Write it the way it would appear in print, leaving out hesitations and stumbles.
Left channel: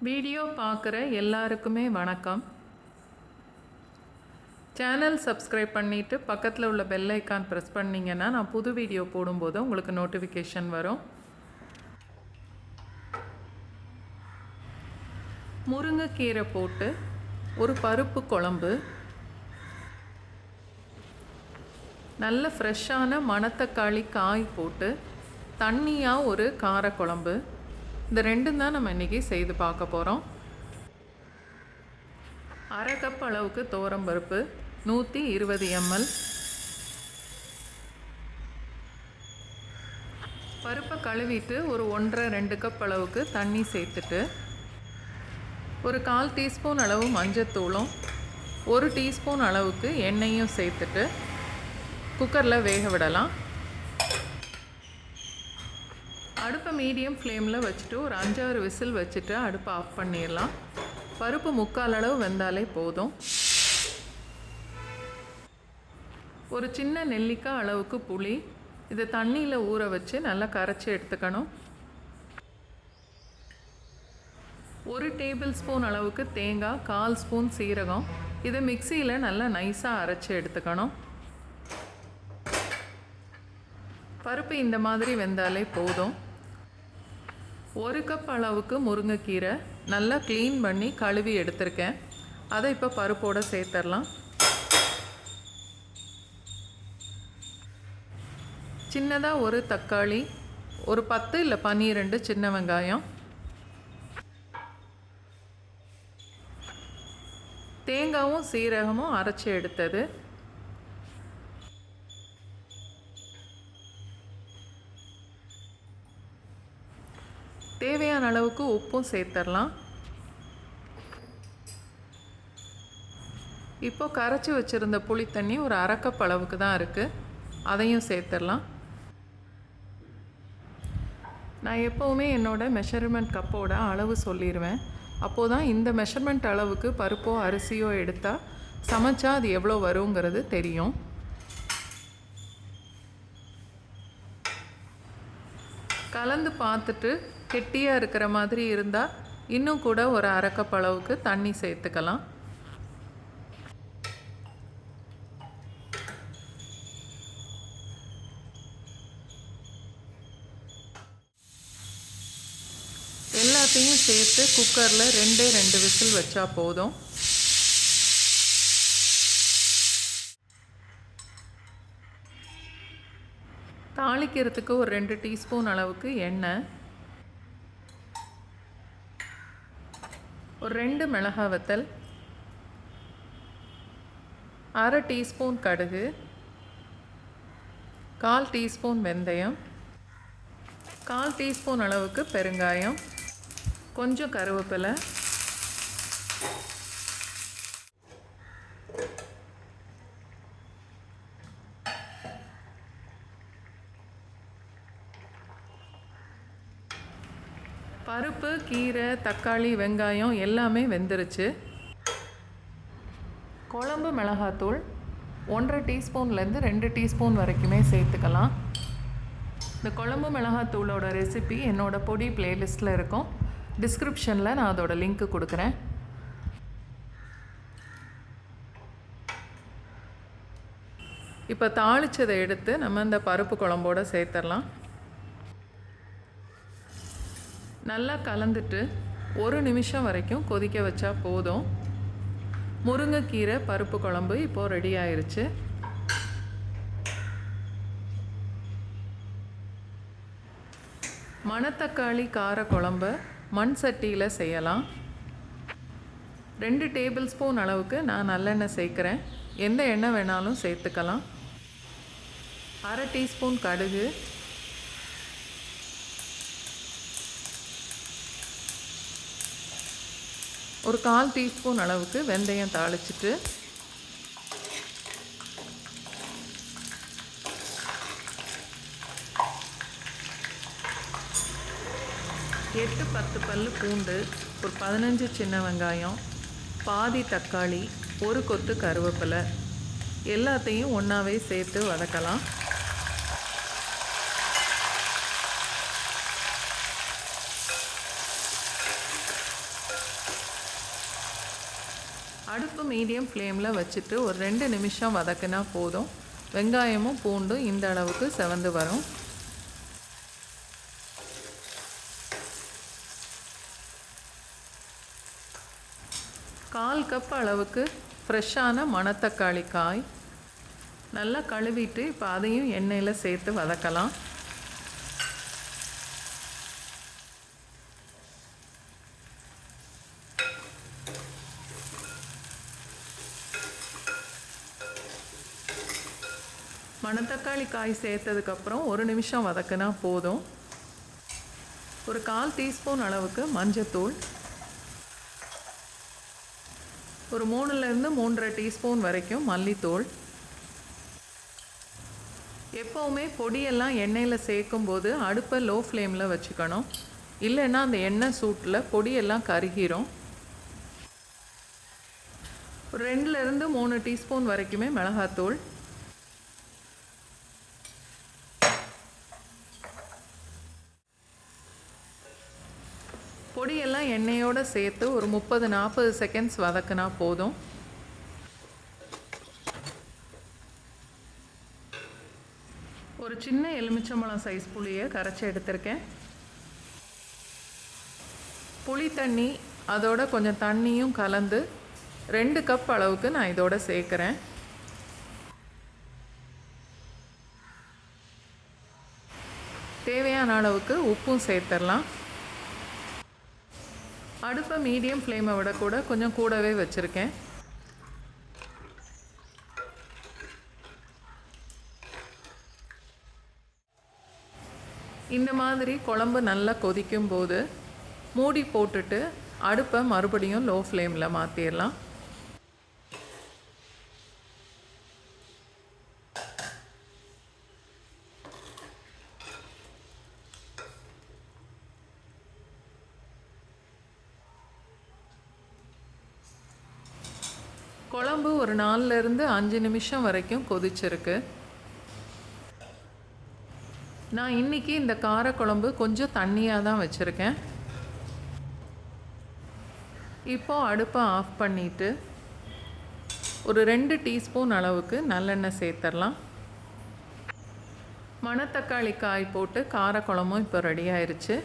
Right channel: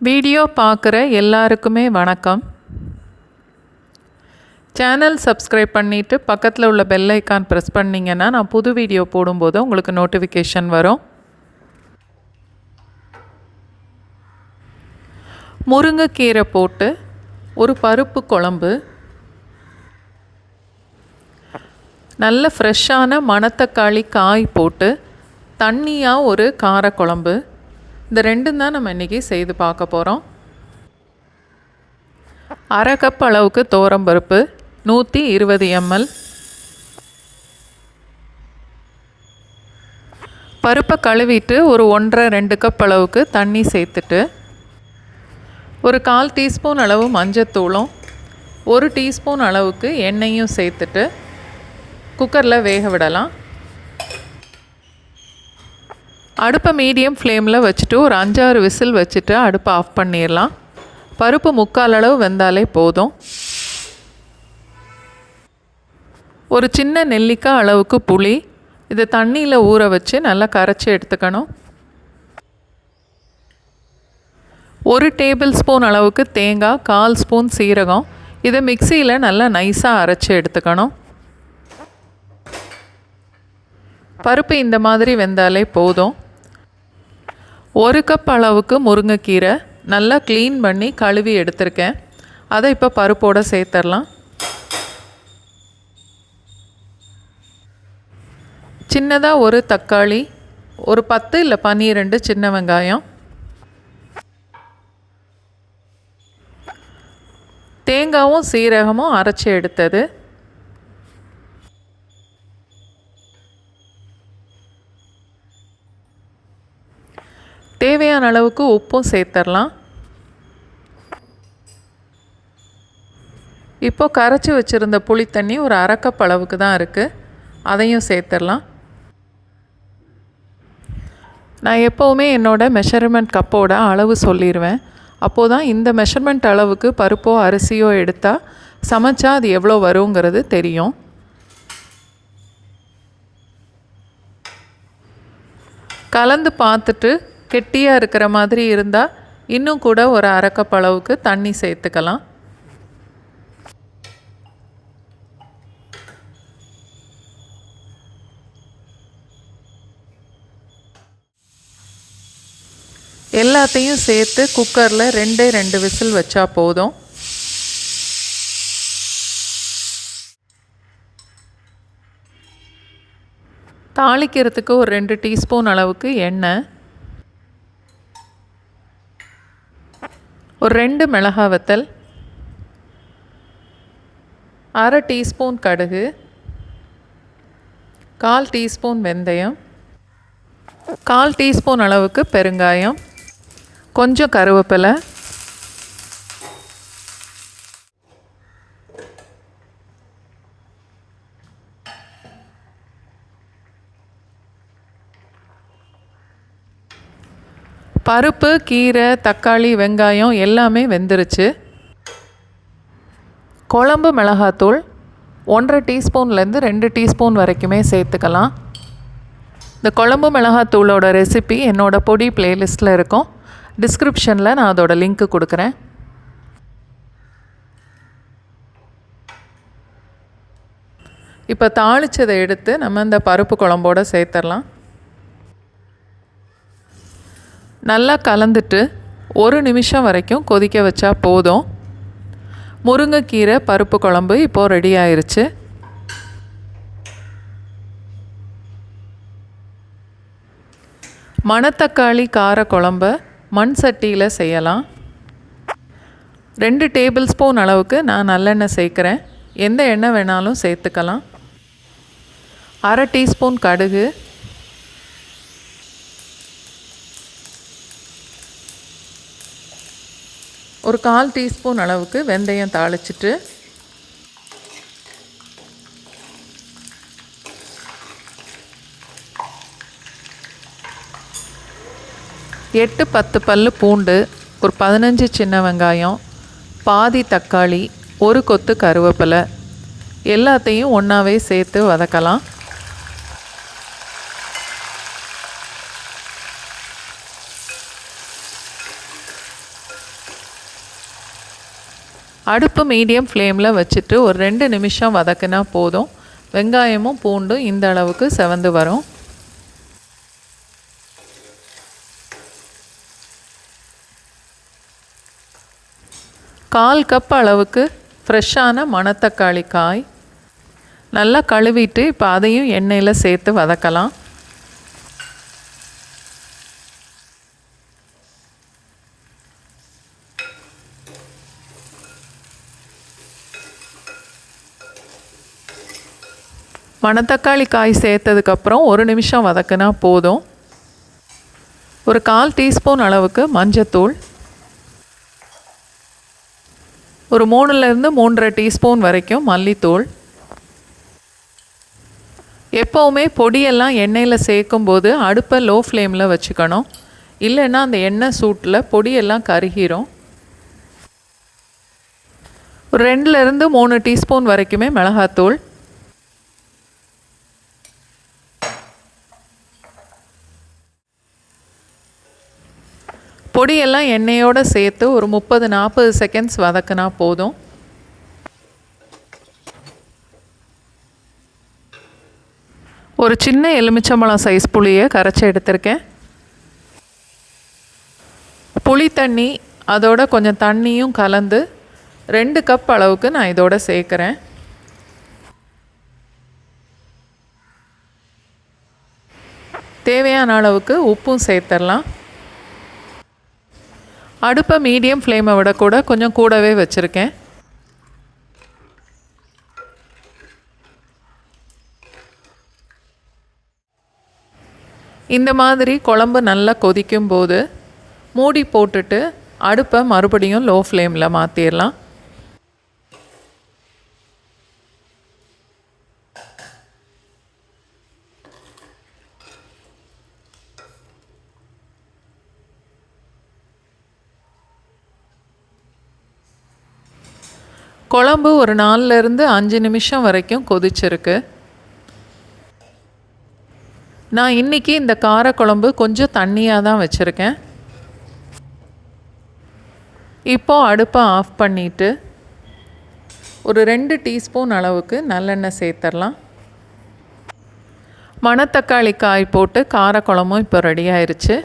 Video பார்க்குற எல்லாருக்குமே வணக்கம். சேனல் சப்ஸ்கிரைப் பண்ணிவிட்டு பக்கத்தில் உள்ள பெல் ஐக்கான் ப்ரெஸ் பண்ணிங்கன்னா நான் புது வீடியோ போடும்போது உங்களுக்கு நோட்டிஃபிகேஷன் வரும். முருங்கைக்கீரை போட்டு ஒரு பருப்பு குழம்பு, நல்ல ஃப்ரெஷ்ஷான மணத்தக்காளி காய் போட்டு தண்ணியாக ஒரு காரக்குழம்பு, இந்த ரெண்டும் தான் நம்ம இன்றைக்கி செய்து பார்க்க போகிறோம். அரை கப் அளவுக்கு துவரம்பருப்பு, 120 ml. பருப்பை கழுவிட்டு ஒரு 1.5-2 கப் அளவுக்கு தண்ணி சேர்த்துட்டு ஒரு 1/4 டீஸ்பூன் அளவு மஞ்சத்தூளும் 1 டீஸ்பூன் அளவுக்கு எண்ணெயும் சேர்த்துட்டு குக்கரில் வேக விடலாம். அடுப்பை மீடியம் ஃப்ளேமில் வச்சுட்டு ஒரு 5-6 விசில் வச்சுட்டு அடுப்பை ஆஃப் பண்ணிடலாம். பருப்பு 3/4 அளவு வெந்தாலே போதும். ஒரு சின்ன நெல்லிக்காய் அளவுக்கு புளி, இதை தண்ணியில் ஊற வச்சு நல்லா கரைச்சி எடுத்துக்கணும். 1 டேபிள் ஸ்பூன் அளவுக்கு தேங்காய், 1/4 ஸ்பூன் சீரகம், இதை மிக்சியில் நல்லா நைஸாக அரைச்சி எடுத்துக்கணும். பருப்பு இந்த மாதிரி வெந்தாலே போதும். 1 கப் அளவுக்கு முருங்கைக்கீரை நல்லா க்ளீன் பண்ணி கழுவி எடுத்திருக்கேன். அதை இப்போ பருப்போடு சேர்த்துடலாம். சின்னதாக ஒரு தக்காளி, ஒரு 10 இல்லை 12 சின்ன வெங்காயம், தேங்காயும் சீரகமும் அரைச்சி எடுத்தது, தேவையான அளவுக்கு உப்பும் சேர்த்துடலாம். இப்போ கரைச்சி வச்சுருந்த புளி தண்ணி ஒரு அரை கப் அளவுக்கு தான் இருக்குது, அதையும் சேர்த்துடலாம். நான் எப்போவுமே என்னோடய மெஷர்மெண்ட் கப்போட அளவு சொல்லிடுவேன். அப்போது தான் இந்த மெஷர்மெண்ட் அளவுக்கு பருப்போ அரிசியோ எடுத்தால் சமைச்சா அது எவ்வளோ வருங்கிறது தெரியும். கலந்து பார்த்துட்டு கெட்டியாக இருக்கிற மாதிரி இருந்தால் இன்னும் கூட ஒரு அரை கப் அளவுக்கு தண்ணி சேர்த்துக்கலாம். எல்லாத்தையும் சேர்த்து குக்கரில் 2 விசில் வச்சா போதும். தாளிக்கிறதுக்கு ஒரு 2 டீஸ்பூன் அளவுக்கு எண்ணெய், ஒரு 2 மிளகாய் வத்தல், அரை டீஸ்பூன் கடுகு, 1/4 டீஸ்பூன் வெந்தயம், 1/4 டீஸ்பூன் அளவுக்கு பெருங்காயம், கொஞ்சம் கருவேப்பிலை, பருப்பு, கீரை, தக்காளி, வெங்காயம் எல்லாமே வெந்துருச்சு. குழம்பு மிளகாத்தூள் 1.5 டீஸ்பூன்லேருந்து 2 டீஸ்பூன் வரைக்குமே சேர்த்துக்கலாம். இந்த குழம்பு மிளகாத்தூளோட ரெசிபி என்னோடய பொடி பிளேலிஸ்ட்டில் இருக்கும். டிஸ்கிரிப்ஷனில் நான் அதோட லிங்க்கு கொடுக்குறேன். இப்போ தாளித்ததை எடுத்து நம்ம இந்த பருப்பு குழம்போடு சேர்த்துடலாம். நல்லா கலந்துட்டு 1 நிமிஷம் வரைக்கும் கொதிக்க வச்சா போதும். முருங்கைக்கீரை பருப்பு குழம்பு இப்போது ரெடி ஆயிருச்சு. மணத்தக்காளி கார குழம்பை மண் சட்டியில் செய்யலாம். 2 டேபிள் ஸ்பூன் அளவுக்கு நான் நல்லெண்ணெய் சேர்க்குறேன். எந்த எண்ணெய் வேணாலும் சேர்த்துக்கலாம். அரை டீஸ்பூன் கடுகு, ஒரு 1/4 டீஸ்பூன் அளவுக்கு வெந்தயம் தாளிச்சிட்டு எட்டு 10 பல்லு பூண்டு, ஒரு 15 சின்ன வெங்காயம், பாதி தக்காளி, ஒரு கொத்து கருவேப்பிலை எல்லாத்தையும் ஒன்றாவே சேர்த்து வதக்கலாம். அடுப்பு மீடியம் ஃப்ளேமில் வச்சுட்டு ஒரு 2 நிமிஷம் வதக்கினா போதும். வெங்காயமும் பூண்டும் இந்த அளவுக்கு செவந்து வரும். கால் கப் அளவுக்கு ஃப்ரெஷ்ஷான மணத்தக்காளி காய் நல்லா கழுவிட்டு இப்போ அதையும் எண்ணெயில் சேர்த்து வதக்கலாம். மணத்தக்காளி காய் சேர்த்ததுக்கப்புறம் 1 நிமிஷம் வதக்கினா போதும். ஒரு 1/4 டீஸ்பூன் அளவுக்கு மஞ்சத்தூள், ஒரு 3லேருந்து 3.5 டீஸ்பூன் வரைக்கும் மல்லித்தூள். எப்போவுமே பொடியெல்லாம் எண்ணெயில் சேர்க்கும்போது அடுப்பை லோ ஃப்ளேமில் வச்சுக்கணும். இல்லைன்னா அந்த எண்ணெய் சூட்டில் பொடியெல்லாம் கருகிரும். ஒரு 2லேருந்து 3 டீஸ்பூன் வரைக்குமே மிளகாத்தூள். பொடியெல்லாம் எண்ணெயோடு சேர்த்து ஒரு 30-40 செகண்ட்ஸ் வதக்கினா போதும். ஒரு சின்ன எலுமிச்சம்பழம் சைஸ் புளியை கரைச்சி எடுத்திருக்கேன். புளி தண்ணி அதோட கொஞ்சம் தண்ணியும் கலந்து 2 கப் அளவுக்கு நான் இதோட சேர்க்குறேன். தேவையான அளவுக்கு உப்பும் சேர்த்துடலாம். அடுப்பை மீடியம் ஃப்ளேமை விட கூட கொஞ்சம் கூடவே வச்சுருக்கேன். இந்த மாதிரி குழம்பு நல்லா கொதிக்கும் போது மூடி போட்டுட்டு அடுப்பை மறுபடியும் லோ ஃப்ளேமில் மாற்றிடலாம். குழம்பு ஒரு 4லேருந்து 5 நிமிஷம் வரைக்கும் கொதிச்சிருக்கு. நான் இன்றைக்கி இந்த காரக்குழம்பு கொஞ்சம் தண்ணியாக தான் வச்சுருக்கேன். இப்போது அடுப்பை ஆஃப் பண்ணிவிட்டு ஒரு 2 டீஸ்பூன் அளவுக்கு நல்லெண்ணெய் சேர்த்துடலாம். மணத்தக்காளி காய் போட்டு காரக்குழம்பும் இப்போ ரெடி ஆயிடுச்சு.